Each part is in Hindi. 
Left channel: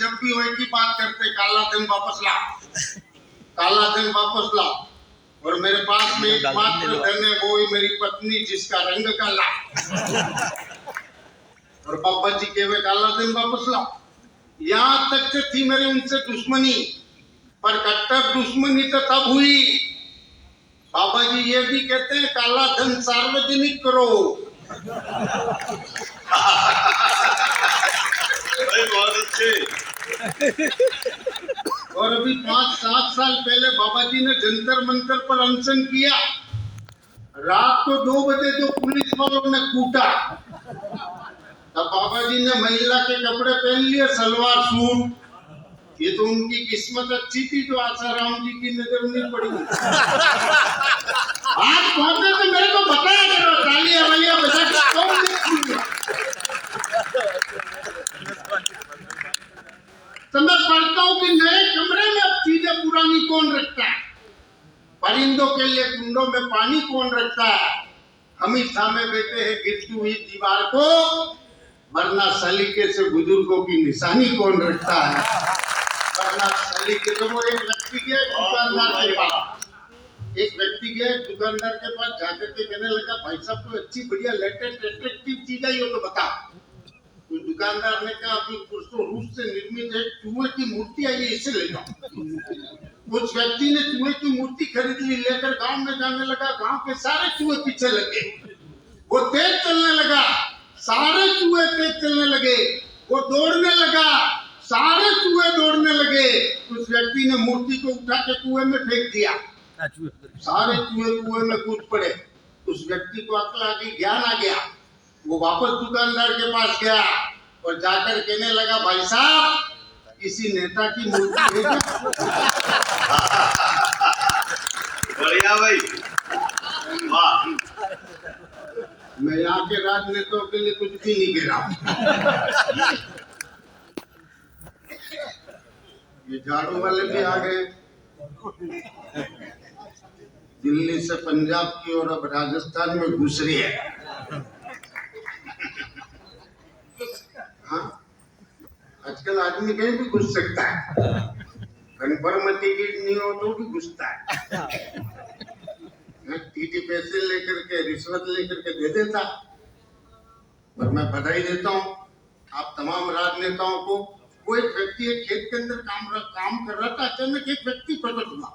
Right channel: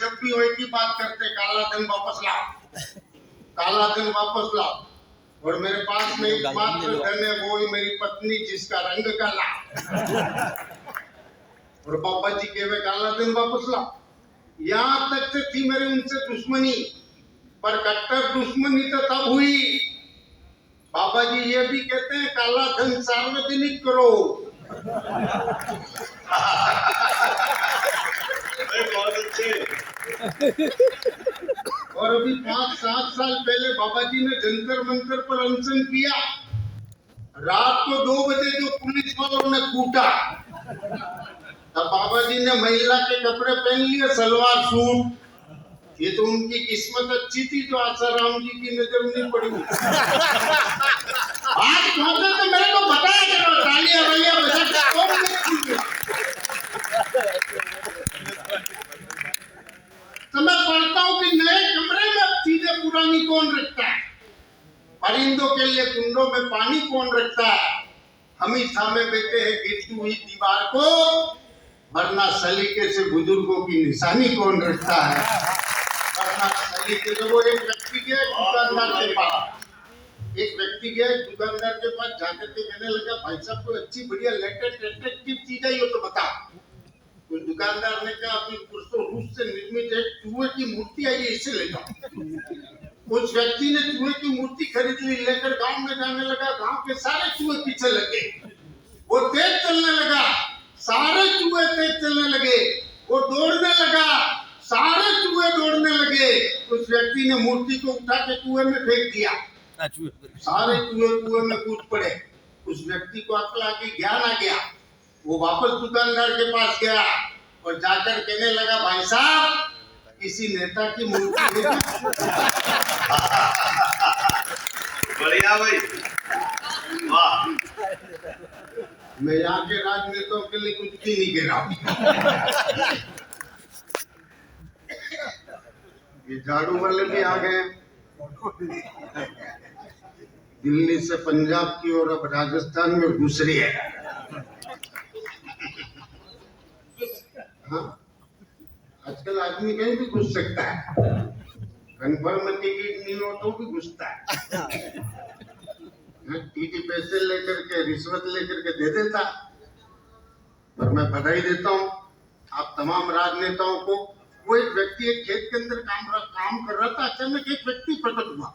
जब भी हो एक ही बात करते, काला धन वापस ला, काला धन वापस ला। और मेरे पास में एकमात्र धन है, वो ही मेरी पत्नी, जिसका रंग काला। और बाबा जी कहे काला धन वापस ला। यहाँ तक से थी मेरी उनसे दुश्मनी, पर कट्टर दुश्मनी तो तब हुई। बाबा जी ये भी कहते हैं काला धन सार्वजनिक करो। बहुत अच्छे। और अभी 5-7 साल पहले बाबा जी ने जंतर मंतर पर अनशन किया। रात को 2 बजे जो पुलिस वालों ने कूटा, तब बाबा जी ने महिला के कपड़े पहन लिए, सलवार सूट। ये तो उनकी किस्मत अच्छी थी जो आसाराम जी की नजर नहीं पड़ी। आज पहुंचे तो मेरे को बताया करो, तालियां भैया बजा के कौन नहीं। समझ पड़ता हूँ कि नए कमरे में अब चीजें पुरानी कौन रखता है, परिंदों के लिए कुंडों में पानी कौन रखता है। हम ही थामे बैठे हैं गिरती हुई दीवार को, वरना सलीके से बुजुर्गों की निशानी कौन रखता है। वरना सलीके से वो एक व्यक्ति के दुकानदार के पास, एक व्यक्ति के दुकानदार के पास जाकर के कहने लगा, भाई साहब कोई अच्छी बढ़िया लेटेस्ट अट्रैक्टिव चीज आई हो तो बता। तो दुकानदार ने कहा अभी रूस से निर्मित एक चूहे की मूर्ति आई है, इसे ले जाओ। उस व्यक्ति ने चूहे की मूर्ति खरीद ली, लेकर गांव में जाने लगा। गांव के सारे चूहे पीछे लगे, वो तेज चलने लगा, सारे चूहे तेज चलने लगे। वो दौड़ने लगा, सारे चूहे दौड़ने लगे। उस व्यक्ति ने मूर्ति को उठा के कुएं में फेंक दिया, सारे चूहे कुएं में कूद पड़े। उस व्यक्ति को अकल आ गई, ज्ञान आ गया। वो वापस दुकानदार के पास गया और जाकर कहने लगा, भाई साहब किसी नेता की मूर्ति है। बढ़िया भाई, वाह। मैं यहाँ के राजनेताओं के लिए कुछ भी नहीं कह रहा हूँ। ये झाड़ू वाले भी आ गए, दिल्ली से पंजाब की और अब राजस्थान में घुस रही है। हाँ, आजकल आदमी कहीं भी घुस सकता है, कन्फर्म टिकट नहीं हो तो भी घुसता है। टीटी पैसे लेकर के, रिश्वत लेकर के दे देता। पर मैं बधाई देता हूँ आप तमाम राजनेताओं को। वो एक व्यक्ति एक खेत के अंदर काम कर रहा था, अचानक एक व्यक्ति प्रकट हुआ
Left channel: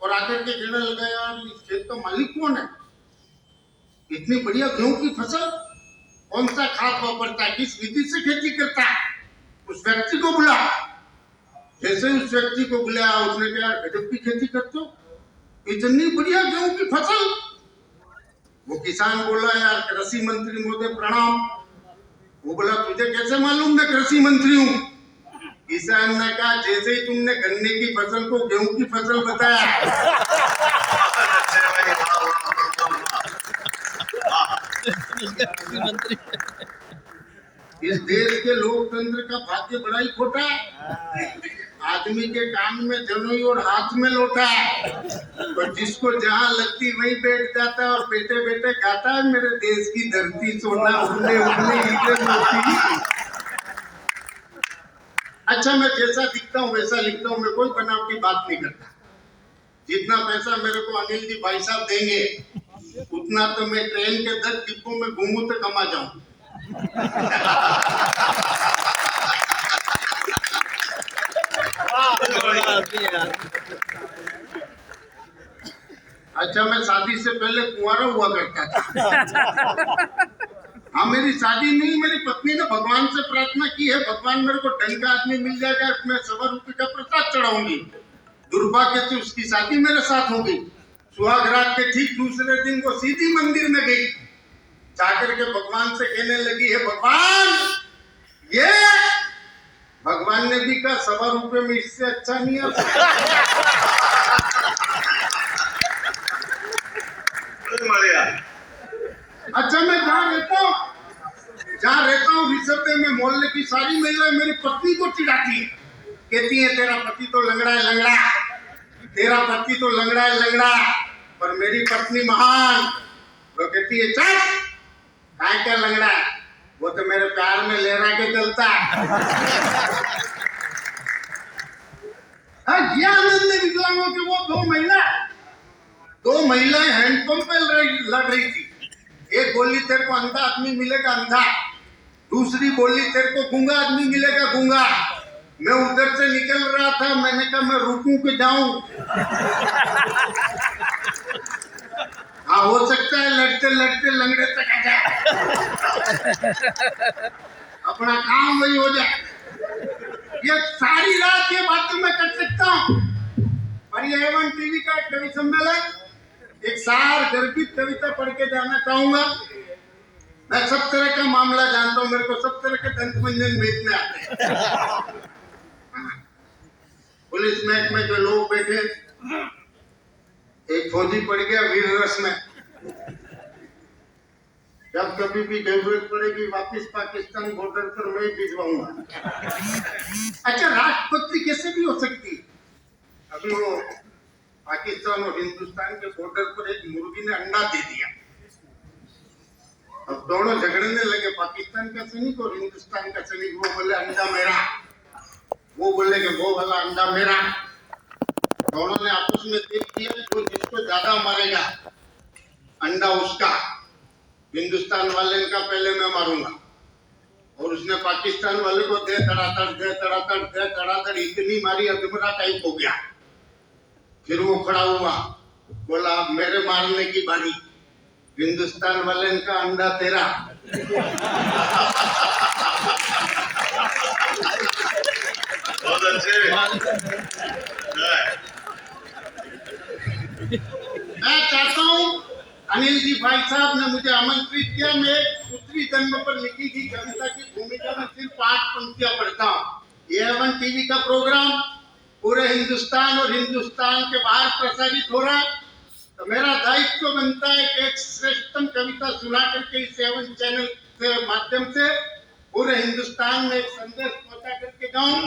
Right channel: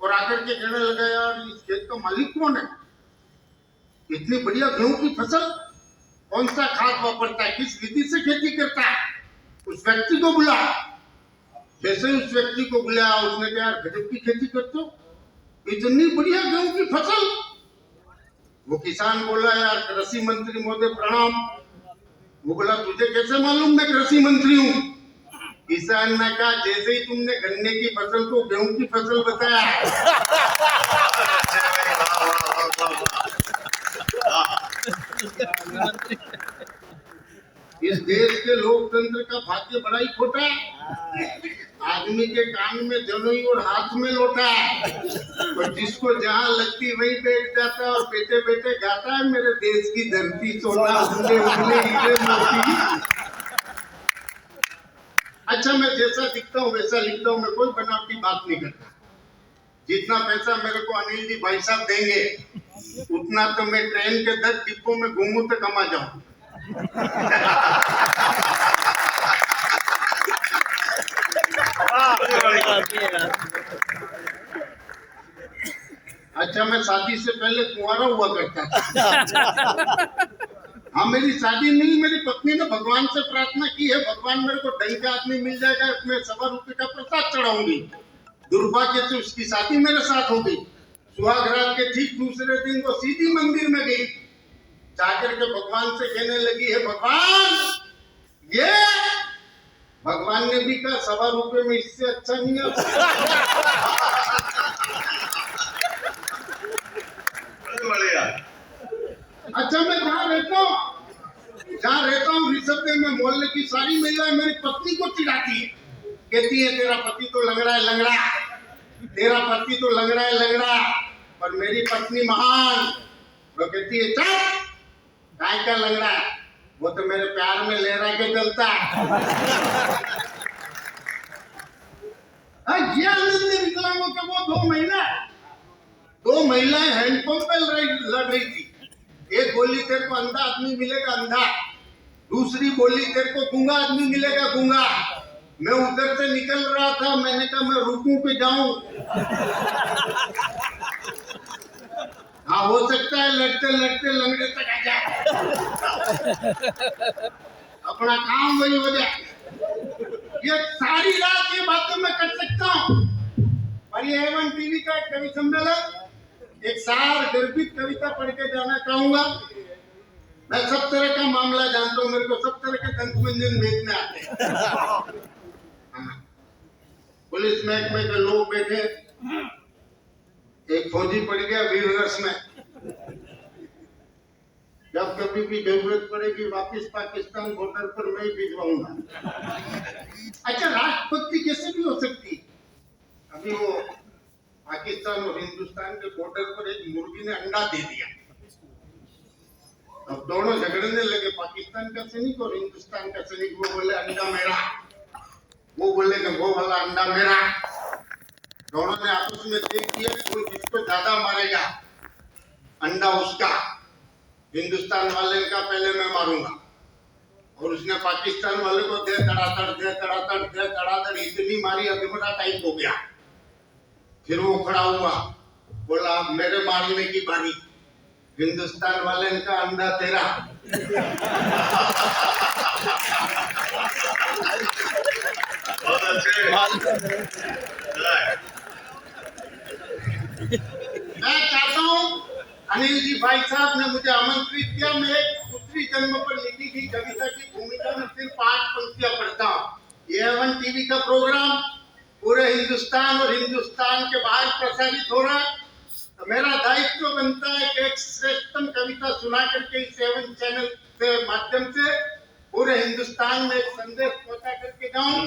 और आकर के कहने लगा, यार इस खेत का मालिक कौन है, इतनी बढ़िया गेहूं की फसल, कौन सा खाद वापरता है, किस विधि से खेती करता है। उस व्यक्ति को बुला। जैसे उस व्यक्ति को बुलाया, उसने कहा गजब की खेती करते हो, इतनी बढ़िया गेहूं की फसल। वो किसान बोला, यार कृषि मंत्री महोदय प्रणाम। वो बोला, तुझे कैसे मालूम मैं कृषि मंत्री हूँ। किसान ने कहा, जैसे ही तुमने गन्ने की फसल को गेहूं की फसल बताया। इस देश के लोकतंत्र का भाग्य बड़ा ही खोटा है। आदमी के कान में जनोई और हाथ में लोटा है, और जिसको जहां लगती वहीं बैठ जाता है और बैठे बैठे गाता है, मेरे देश की धरती सोना उगले उगले हीरे मोती। अच्छा, मैं जैसा दिखता हूँ वैसा लिखता हूँ, मैं कोई बनावटी बात नहीं करता। जितना पैसा मेरे को अनिल जी भाई साहब देंगे, उतना तो मैं ट्रेन के 10 डिब्बों में घूमूं तो कमा जाऊं। अच्छा, मैं शादी से पहले कुंवारा हुआ करता था। हाँ, मेरी शादी नहीं, मेरी पत्नी ने भगवान से प्रार्थना की है, भगवान मेरे को ढंग का आदमी मिल जाएगा, मैं 1.25 रुपए का प्रसाद चढ़ाऊंगी। दुर्भाग्य से उसकी शादी मेरे साथ हो गई। सुहाग रात के ठीक दूसरे दिन वो सीधी मंदिर में गई, जाकर के भगवान से कहने लगी, है भगवान, ये भगवान ने भी कहा 1.25 रुपए में इससे अच्छा नहीं है। अच्छा, मैं जहाँ रहता हूँ ऋषभ में मोहल्ले की सारी महिलाएं मेरी पत्नी को चिढ़ाती है, कहती है तेरा पति तो लंगड़ा है लंगड़ा, तेरा पति तो लंगड़ा है लंगड़ा। पर मेरी पत्नी महान, वो कहती है चल, काय का लंगड़ा, वो तो मेरे प्यार में लहरा के चलता है। हाँ, ये आनंद है विकलांगों के। वो दो महिलाएं हैंडपंप पे लड़ रही थी। एक बोली तेरे को अंधा आदमी मिलेगा अंधा, दूसरी बोली तेरे को गूंगा आदमी मिलेगा गूंगा। मैं उधर से निकल रहा था, मैंने कहा मैं रुकूं कि जाऊं। हाँ, हो सकता है लड़ते लड़ते लंगड़े तक आ जाए, अपना काम वही हो जाए। ये सारी रात ये बातें मैं कर सकता हूँ। और ये एवन टीवी का एक कवि सम्मेलन, एक सार गर्भित कविता पढ़ के जाना चाहूंगा। मैं सब तरह का मामला जानता हूँ, मेरे को सब तरह के दंत मंजन बेचने आते हैं। पुलिस महकमे के लोग बैठे, एक फौजी पड़ गया वीर रस में। जब कभी भी जरूरत पड़ेगी वापस पाकिस्तान बॉर्डर पर मैं ही भिजवाऊंगा। अच्छा, राष्ट्रपति कैसे भी हो सकती। अभी वो पाकिस्तान और हिंदुस्तान के बॉर्डर पर एक मुर्गी ने अंडा दे दिया। अब दोनों झगड़ने लगे, पाकिस्तान का सैनिक और हिंदुस्तान का सैनिक। वो बोले अंडा मेरा, वो बोले कि वो वाला अंडा मेरा। दोनों ने आपस में देख दिया, जो जिसको ज्यादा मारेगा अंडा उसका। हिंदुस्तान वाले का पहले मैं मारूंगा। और उसने पाकिस्तान वाले को दे धड़ाधड़ इतनी मारी अधमरा टाइप हो गया। फिर वो खड़ा हुआ, बोला अब मेरे मारने की बारी। हिंदुस्तान वाले का अंडा तेरा। बहुत अच्छे। मैं चाहता हूँ, अनिल जी भाई साहब ने मुझे आमंत्रित किया। मैं एक पुत्री जन्म पर लिखी गई कविता की भूमिका में सिर्फ 8 पंक्तियां पढ़ता हूँ। ये एवन टीवी का प्रोग्राम पूरे हिंदुस्तान और हिंदुस्तान के बाहर प्रसारित हो रहा है, तो मेरा दायित्व बनता है कि एक श्रेष्ठतम कविता सुना करके इस एवन चैनल के माध्यम से पूरे हिंदुस्तान में एक संदेश पहुंचा करके जाऊं।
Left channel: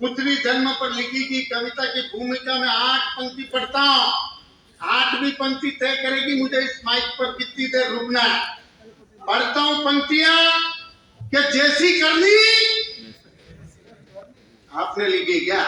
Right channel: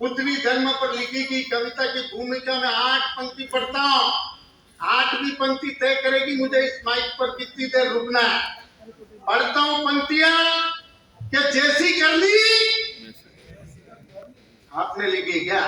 पुत्री जन्म पर लिखी गई कविता की भूमिका में 8 पंक्ति पढ़ता हूँ। 8वीं पंक्ति तय करेगी मुझे इस माइक पर कितनी देर रुकना है। पढ़ता हूँ पंक्तियां कि जैसी करनी आपने लिखी क्या?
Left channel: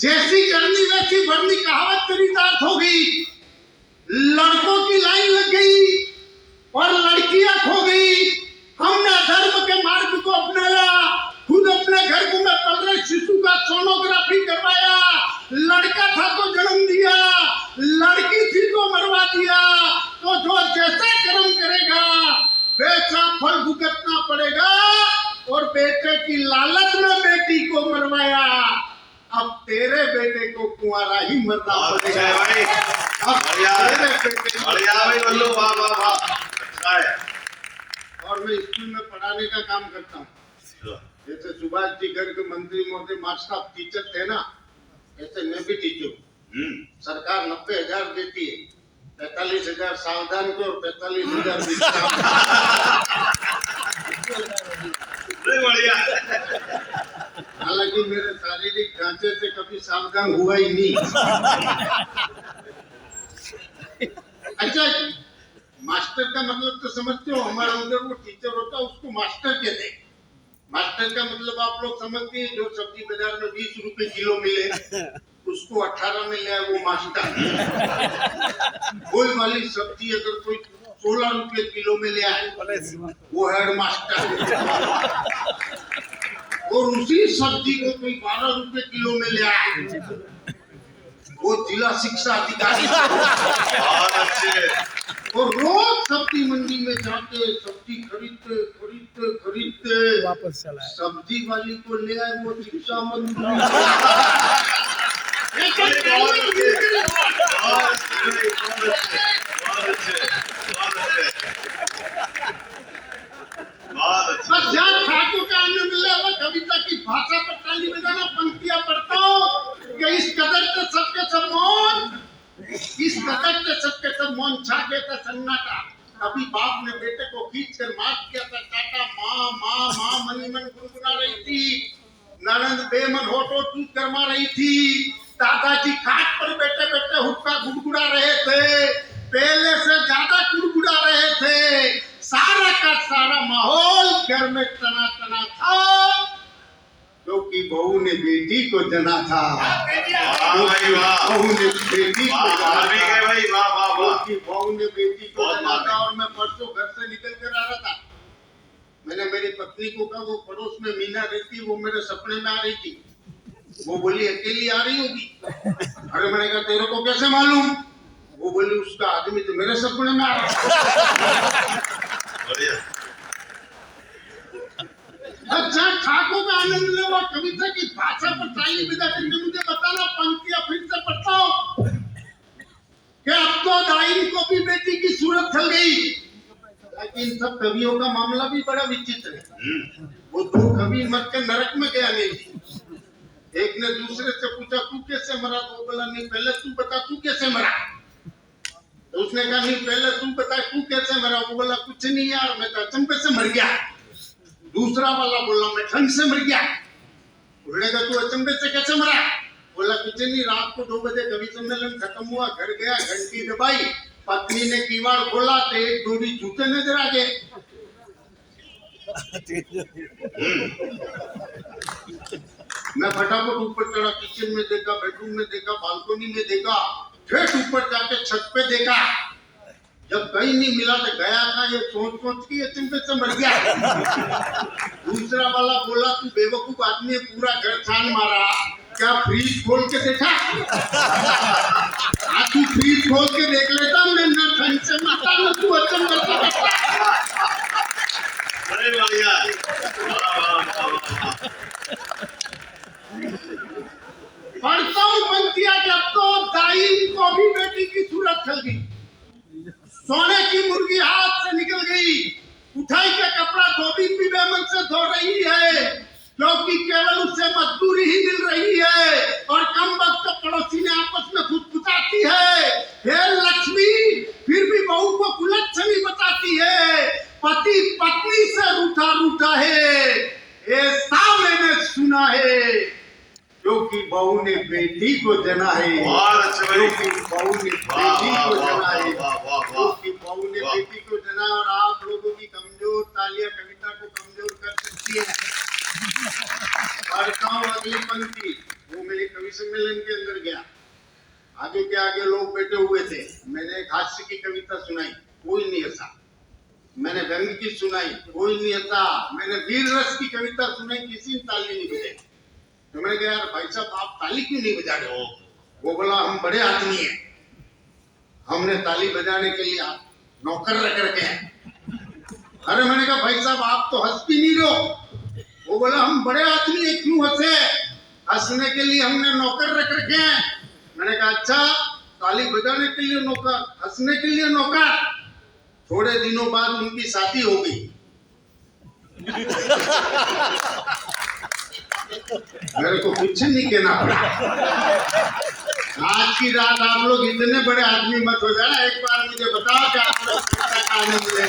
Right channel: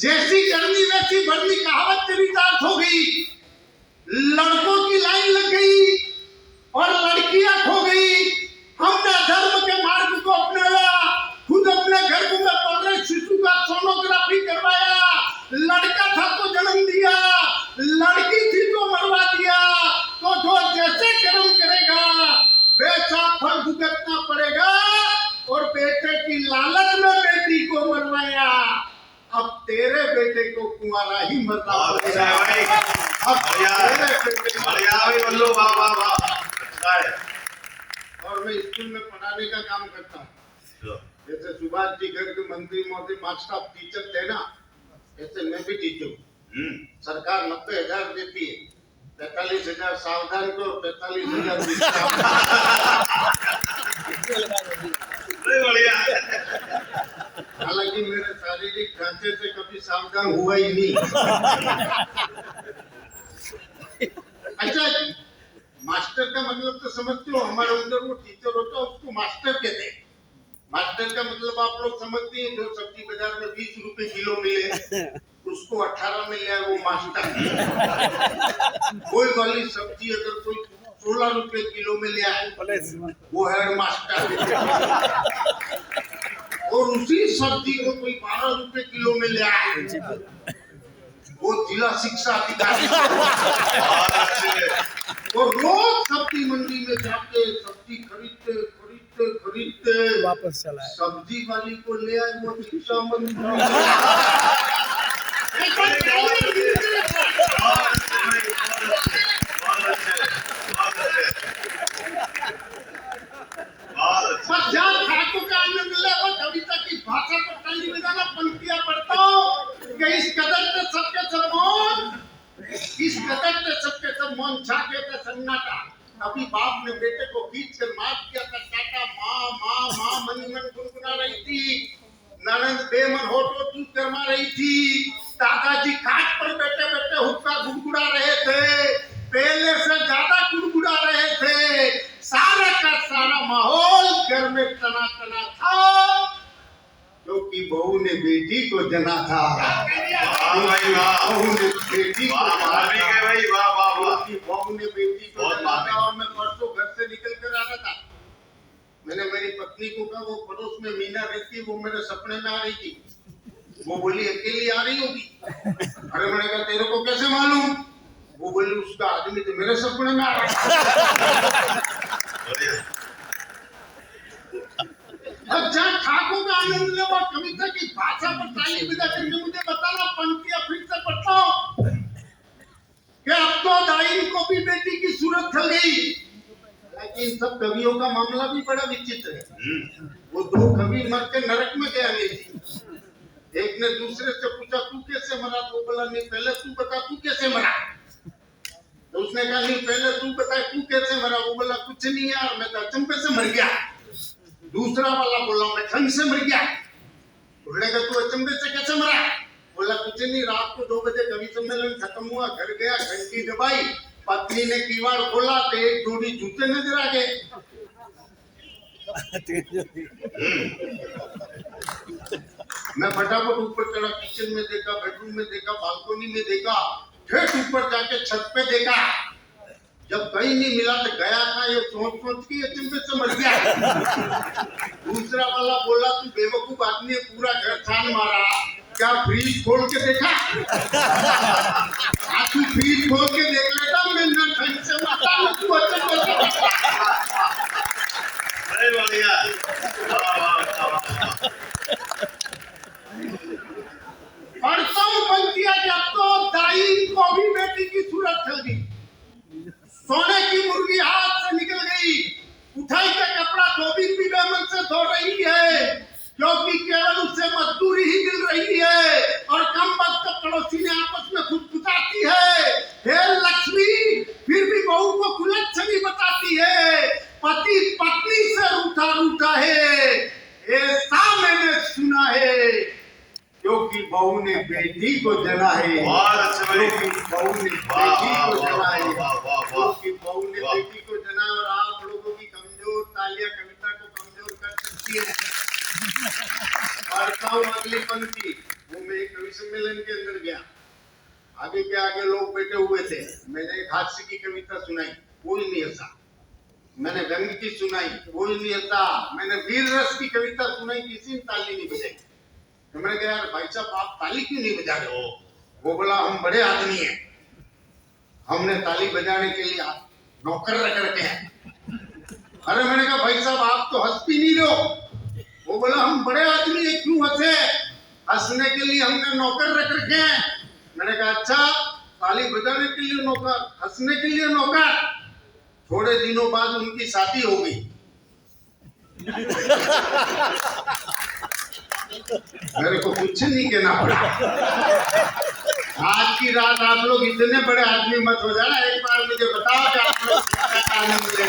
जैसी करनी वैसी भरनी कहावत चरितार्थ होगी। लड़कों की लाइन लग गई और लड़कियां खो गई। हमने धर्म के मार्ग को अपनाया, खुद अपने घर को में पल रहे शिशु का सोनोग्राफी करवाया। लड़का था तो जन्म दिया, लड़की थी तो मरवा दिया। तो जो जैसे कर्म करेगा वैसा फल भुगतना पड़ेगा। और बेटे की लालच में बेटी को मरवाया, अब तेरे बेटे को कुंवारा ही मरना पड़ेगा। अब तेरे बेटे बल्लू, वाह वाह वाह, अच्छा है। और मैं स्कूल में पढ़ाने का काम करता हूँ। जैसे सुभाष जी घर के मंत्री मोदी मास्टर ऑफ टीचर थे ना, ऐसे मैं भी टीचर हूँ। सरकार 90,000 देती है, 45,000 सावधान को और 45,000 बढ़िया। हालांकि मेरे शारीरिक ढांचे से कभी सावधान हुआ ही नहीं। अच्छा, मास्टर का मतलब तो समझते हो, हमारे अंदर वो टीचर होता है उसको मास्टर कहते हैं। मास्टर का मतलब आप लोग समझते हैं, जो सब्जी बाजार में 20 रुपए किलो मिले उसको 18 में ले वो मास्टर। कोई वाली सब्जी अगर कोई 16 रुपए किलो में ले आए वो हेड मास्टर। और उसी सब्जी को कोई 12 रुपए किलो में ले आए वो जिला शिक्षा अधिकारी। और रोज सब्जी मंडी में जाके सब्जी खरीदते वापस चला है। सब्जी वाली को ले आए वो शिक्षा मंत्री। बस जहाँ ठाकुर का आनंद ले वो कविता की भाषा पर ताली बजाना। पंक्तियां पढ़ता हूँ कि इस कदर से सबके सब मौन, इस कदर से सबके सब मौन छा गया था सन्नाटा। अभी बाप ने बेटे को खींच कर माफ किया था टाटा। माँ माँ माँ मनी मन गुनगुना रही थी। ननद बेमन होठो चूत करमा रही थी। दादाजी खाट पर बैठे बैठे हुक्का गुड़गुड़ा रहे थे, पहले से ज्यादा गुड़गुड़ा रहे थे। सारा का सारा माहौल घर में तना तना था। क्योंकि बहू ने बेटी को जना था, वाह भाई वाह बहू ने बेटी को वाह जना माफी था, के भाई वाह वाह वाह क्योंकि बहू ने बेटी को बहुत जना माफी। था। और मैं परसों घर से निकल कर आ रहा था, मैंने मेरी पत्नी को कहा, वो पड़ोस में मीना रहती, वो मेरे सपने में आ रही थी। वो बोली अकेली आ रही होगी। अरे मैंने कहा तेरे को कैसे मालूम? वो बोली उसका आदमी तो मेरे सपने में आ रहा। बढ़िया अब जहाँ ठाकुर का आनंद ले वो कविता की भाषा पर ताली बजा करके मुझे बताना, पंक्तियां फिर से पढ़ता हूँ कि अब तो दाइन को भी बेटी की सूरत खल गई। लेकिन सब कवियों का मामला भी बड़ा विचित्र है। वो दो कवि मर के नरक में गया नहीं थी। एक ने दूसरे से पूछा तू कैसे मरा? तो वो बोला नहीं पहले तू बता तू कैसे मरा। तो उसने कहा नहीं पहले तू बता तू कैसे मरा। वो बोला कुछ नहीं यार मैं तो अचंभे से मर गया। दूसरा वाला बोला मैं ठंड से मर गया। उसने कहा तू अचंभे से कैसे मरा? बोला कुछ नहीं, रात को 2 बजे कवि सम्मेलन खत्म हुआ, घर गया, घंटी दबाई, पत्नी ने किवाड़ खोला तो एक जोड़ी जूते नजर आ गए। मैं फटाफट ऊपर चढ़ा, किचन में देखा, बेडरूम में देखा, बालकनी में देखा, फिर ऊपर जाके छत पे देखा। जब कहीं नहीं मिला तो गया था ये सोच के अचंभे से मर गया। दूसरा वाला बोला तू बेवकूफ आदमी, पूरा घर छान मारा, क्या फ्रीज खोल के देखा? तू फ्रीज खोल के देख लेता, मैं ठंड से मरता हूँ, तू अचंभे से मरता। बड़े बढ़िया वाह वाह वाह पढ़ता हूँ पंक्तियां, जब तो दाई को भी बेटी की सूरत खल गई। सोने की मुर्गी हाथ से निकल गई, उठाई का कपड़ा धोबी भी बेमन से धो रही है, क्योंकि केवल उससे मजदूरी ही मिल रही है। और कम वक्त पड़ोसी ने आपस में फुसफुसाती है, हे लक्ष्मी, फिर भी बहू को कुलच्छनी बताती है। पति पत्नी से रूठा रूठा है, ऐसा मैंने सुना है, क्योंकि बहू ने बेटी को जना है। बहुत अच्छे भाई क्योंकि बहू ने बेटी को जना है, वाह वाह क्योंकि बहू ने बेटी को जना। और आप लोगों की कमजोर तालियां कविता को कमजोर कर सकती है। पढ़ता हूँ अगली पंक्ति। वो मैं एक कवि सम्मेलन के अंदर गया, आगे के आगे लोग बैठे हुए थे। मैंने एक हास्य की कविता सुनाई, कोई नहीं हंसा। मैंने व्यंग की सुनाई, कोई नहीं हंसा। मैंने वीर रस की कविता सुनाई, किसी ने ताली नहीं बजाई। तो मैंने कहा यार भाई साहब आप ताली क्यों नहीं बजा रहे हो? वो बोला हम बड़े आदमी हैं, हमने ताली बजाने के लिए नौकर रख रखे हैं। अरे मैंने कहा भाई साहब आप तो हंस भी नहीं रहे। वो बोला हम बड़े आदमी हैं, क्यों हंसे? हंसने के लिए हमने नौकर रख रखे हैं। मैंने कहा अच्छा, ताली बजाने के लिए नौकर, हंसने के लिए नौकर। थोड़े दिनों बाद उनकी शादी हो गई। मेरे को कुछ नहीं कहना पड़ा। आज की रात आप लोग इतने बड़े आदमी मत हो जाना, एक बार मुझे बताओ कि आप लोग क्या आनंद ले।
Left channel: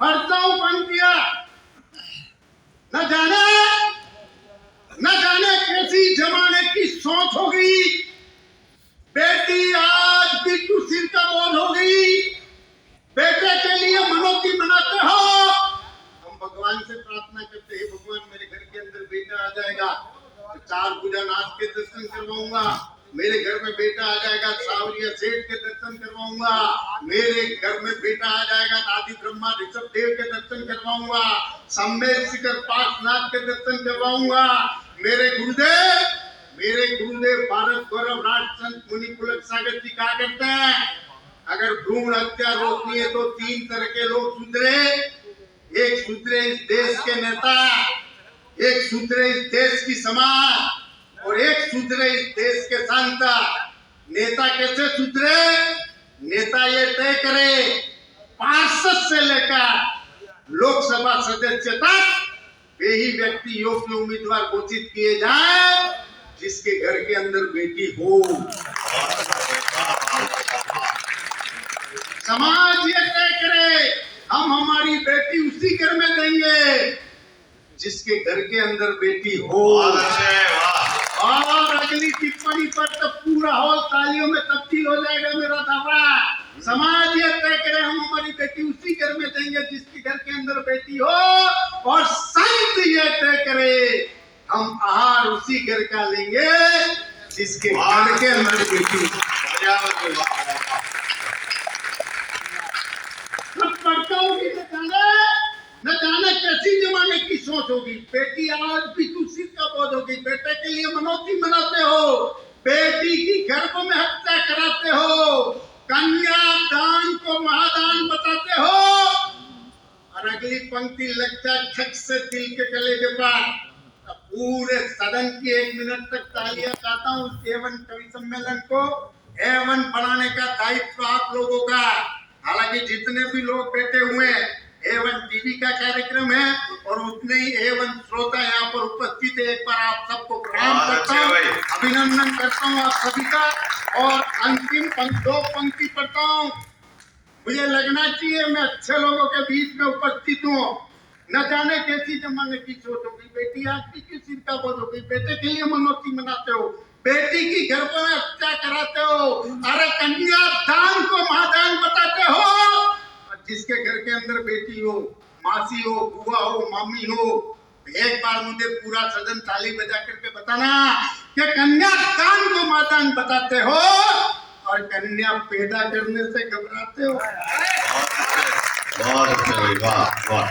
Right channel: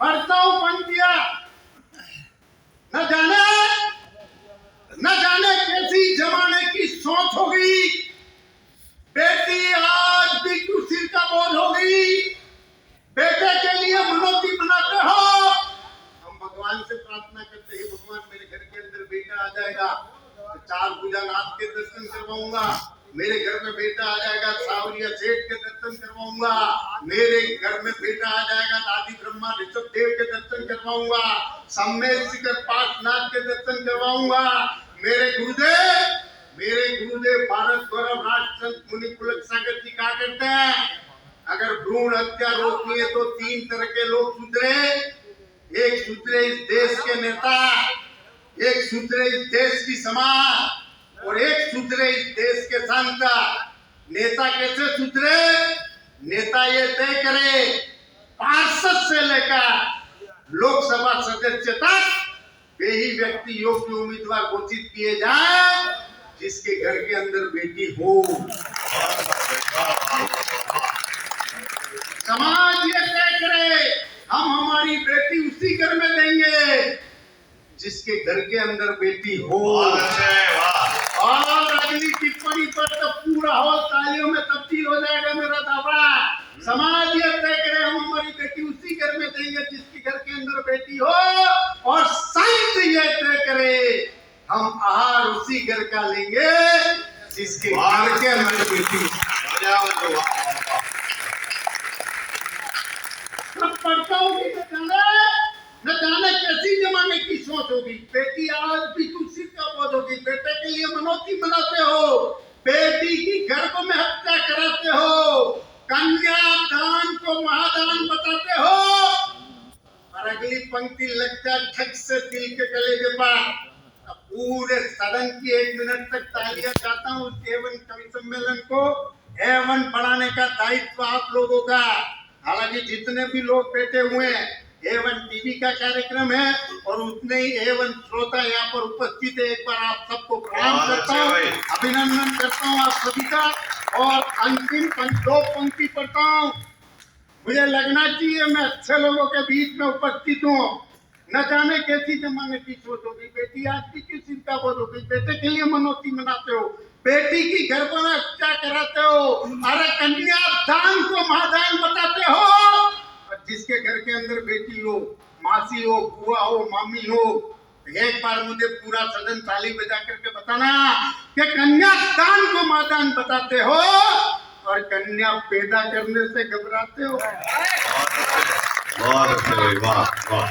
पढ़ता हूँ पंक्तियां, न जाने कैसी जमाने की सोच हो गई, बेटी आज बिट्टू सिर का बोझ हो गई। बेटे के लिए मनोती मनाते हो, हम भगवान से प्रार्थना करते हैं भगवान मेरे घर के अंदर बेटा आ जाएगा तो 4 पूजा नाथ के दर्शन करवाऊंगा, मेरे घर में बेटा आ जाएगा सावरिया सेठ के दर्शन करवाऊंगा, मेरे घर में बेटा आ जाएगा आदि ब्रह्मा ऋषभ देव के दर्शन करवाऊंगा, सम्मेद शिखर पाठनाथ के दर्शन करवाऊंगा। मेरे गुरुदेव भारत गौरव राजचंद मुनि पुलक सागर जी कहा करते हैं, अगर भ्रूण हत्या रोकनी है तो 3 तरह के लोग सुधरे। एक सुधरे इस देश के नेता, एक सुधरे इस देश की समाज, और एक सुधरे इस देश के संत। नेता कैसे सुधरे? नेता ये तय करे पार्षद से लेकर लोकसभा सदस्य तक वे ही व्यक्ति योग्य उम्मीदवार घोषित किए जाए जिसके घर के अंदर बेटी हो। समाज ये तय करे हम हमारी बेटी उसी घर में देंगे जिसके घर के अंदर बेटी हो। और अगली टिप्पणी पर तो पूरा हॉल तालियों में तब्दील हो जाएगा मेरा दावा। समाज ये तय करे हम हमारी बेटी उसी घर में देंगे जिसके घर के अंदर बेटी हो, और संत ये तय करे हम आहार उसी घर का लेंगे जिसके घर के अंदर बेटी हो। मैं पढ़ता हूँ कि न जाने कैसी जमाने की सोच होगी। बेटी आज भी तुलसी का पौध होगी, बेटे के लिए मनौती मनाते हो, बेटी की गर्भ में हत्या कराते हो, कन्या दान को महादान बताते हो, और अगली पंक्ति लगता है ठक से दिल के गले के पास। पूरे सदन की 1 मिनट तक तालियां चाहता हूँ। एवन कवि सम्मेलन को एवन बढ़ाने का दायित्व आप लोगों का। हालांकि जितने भी लोग बैठे हुए हैं, एवन टीवी का कार्यक्रम है और उतने ही एवन श्रोता यहाँ पर उपस्थित है। एक बार आप सबको प्रणाम करता हूँ, अभिनंदन करता हूँ आप सभी का। और अंतिम 2 पंक्ति पढ़ता हूँ। मुझे लगना चाहिए मैं अच्छे लोगों के बीच में उपस्थित हूँ। न जाने कैसी जमाने की सोच होगी। बेटी आज की किस चिंता बोध होगी। बेटे के लिए मनौती मनाते हो, बेटी की गर्भ में हत्या कराते हो, अरे कन्या दान को महादान बताते हो, और जिसके घर के अंदर बेटी हो, मासी हो, बुआ हो, मामी हो, एक बार मुझे पूरा सदन ताली बजा करके बताना कि कन्या दान को महादान बताते हो और कन्या पैदा करने से घबराते हो। बहुत अच्छे, वाह वाह।